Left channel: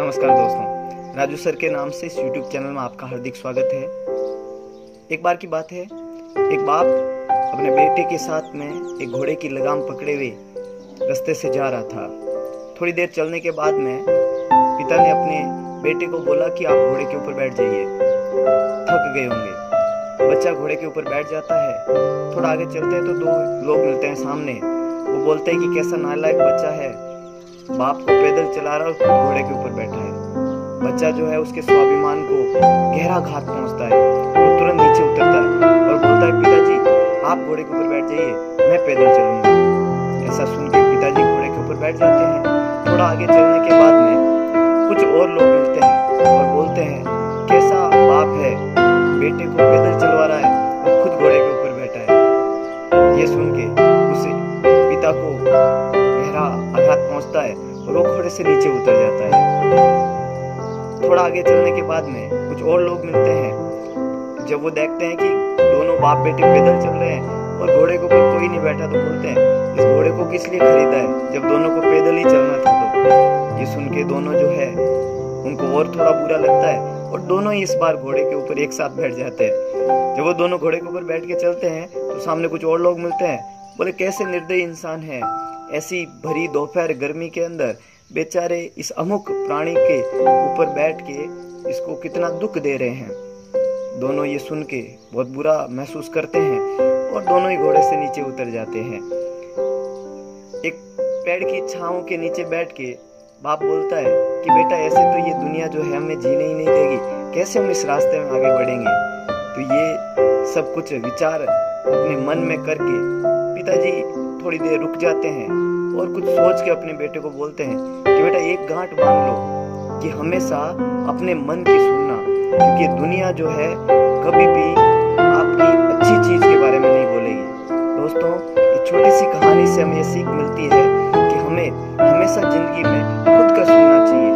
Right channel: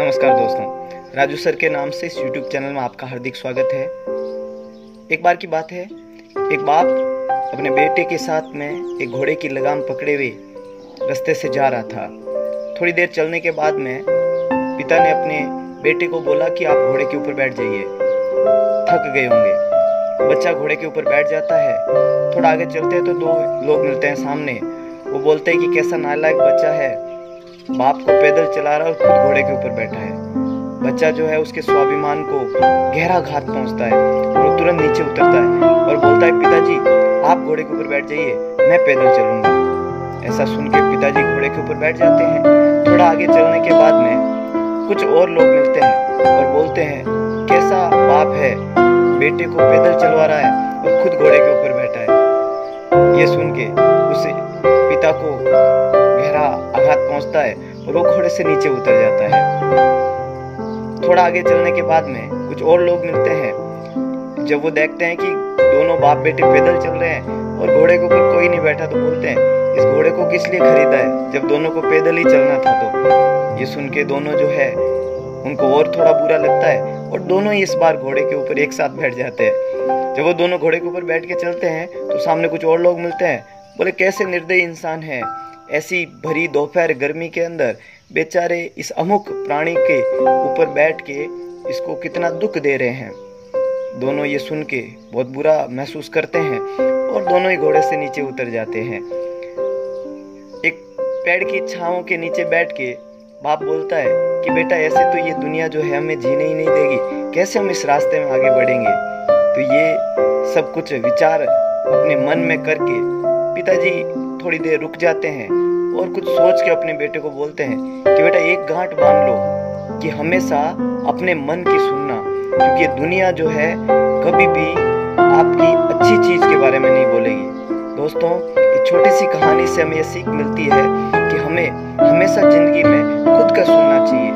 नमस्कार दोस्तों, राजू सर के नाम से इस YouTube चैनल में आपका हार्दिक स्वागत है। एक बार की बात है, एक बाप अपने बेटे के साथ में एक घोड़े की लगाम पकड़े हुए रास्ते से जा रहा था। थोड़ी देर चलने के बाद में पिता ने अपने बेटे को बोला कि आप घोड़े के ऊपर बैठ जाइए, थक गए होंगे। बच्चा घोड़े के ऊपर बैठ जाता है। थोड़ा आगे चलते हैं तो दो लोग मिलते हैं सामने। वो बोलते हैं कि कैसा नालायक बच्चा है, बाप को पैदल चला रहा है और खुद घोड़े के ऊपर बैठा है। बच्चा जो है उसके स्वाभिमान को गहरा घात पहुंचता है और वो तुरंत नीचे उतरता है और बोलता है, पिताजी आप घोड़े के ऊपर बैठ जाइए, मैं पैदल चलूंगा। ऐसा सुन के पिताजी घोड़े के ऊपर बैठ जाते हैं। थोड़ा आगे चलने के बाद में कुछ और लोग मिलते हैं और बोलते हैं, कैसा बाप है, बेटे को पैदल चलवा रहा है और खुद घोड़े के ऊपर बैठा है। ये सुन के उसे पिता को गहरा आघात पहुंचता है और वो घोड़े से नीचे उतर जाता है। थोड़ा आगे चलने के बाद में कुछ और लोग मिलते हैं। जब वो देखते हैं कि दोनों बाप बेटे पैदल चल रहे हैं और घोड़े के ऊपर कोई नहीं बैठा, तो बोलते हैं, इस घोड़े को किस लिए खरीदा है जब दोनों को पैदल ही चलना था। तो ये सुन के दोनों जो है उनको और थोड़ा बुरा लगता है और दोनों ही इस बार घोड़े के ऊपर एक साथ बैठ जाते हैं। जब वो दोनों घोड़े के ऊपर बैठ के चलते हैं तो सामने कुछ और लोग मिलते हैं। बोले, कैसे निर्दयी इंसान है, ऐसी भरी दोपहर गर्मी के अंदर बेचारे इस अमुक प्राणी के ऊपर बैठ के इसको कितना दुख दे रहे हैं। दोनों ये सुन के बहुत बुरा महसूस करते हैं और दोनों ही घोड़े से नीचे उतर जाते हैं। एक पेड़ की छांव के नीचे बैठ के बाप बोलता है कि बेटा, ऐसे तो ये दुनिया जो है हमें जीने ही नहीं देगी, कैसे हम इस रास्ते में आगे बढ़ेंगे। तो ये सब कुछ विचार अपने मन में करके पिताजी थोड़ी देर रुक जाते हैं और कुछ सोच के अपने बेटे को बोलते हैं कि बेटा, एक गांठ बांध लो कि हमेशा अपने मन की सुनना, क्योंकि दुनिया जो है कभी भी आपकी अच्छी चीज के बारे में नहीं बोलेगी। दोस्तों, इस छोटी सी कहानी से हमें ये सीख मिलती है कि हमें हमेशा जिंदगी में खुद का सुनना चाहिए।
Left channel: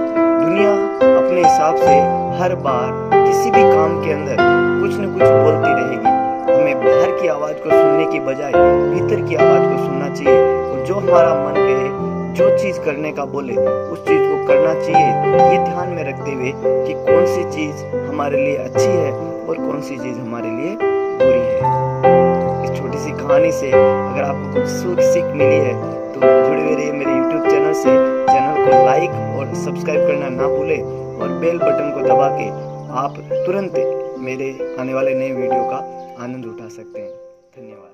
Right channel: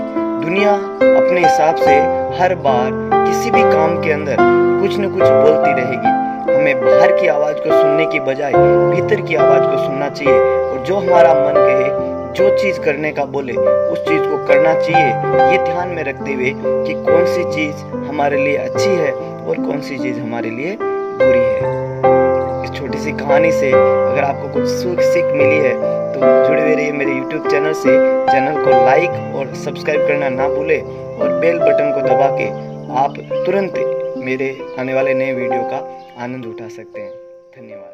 दुनिया अपने हिसाब से हर बार किसी भी काम के अंदर कुछ न कुछ बोलती रहेगी। हमें बाहर की आवाज को सुनने की बजाय भीतर की आवाज को सुनना चाहिए और जो हमारा मन कहे, जो चीज करने का बोले, उस चीज को करना चाहिए, ये ध्यान में रखते हुए कि कौन सी चीज हमारे लिए अच्छी है और कौन सी चीज हमारे लिए बुरी है। इस छोटी सी कहानी से अगर आपको कुछ सीख मिली है तो जुड़े हुए रहिए मेरे YouTube चैनल से। चैनल को लाइक और सब्सक्राइब करना ना भूले और बेल बटन को दबा के आप तुरंत मेरे आने वाले नए वीडियो का आनंद उठा सकते हैं। धन्यवाद।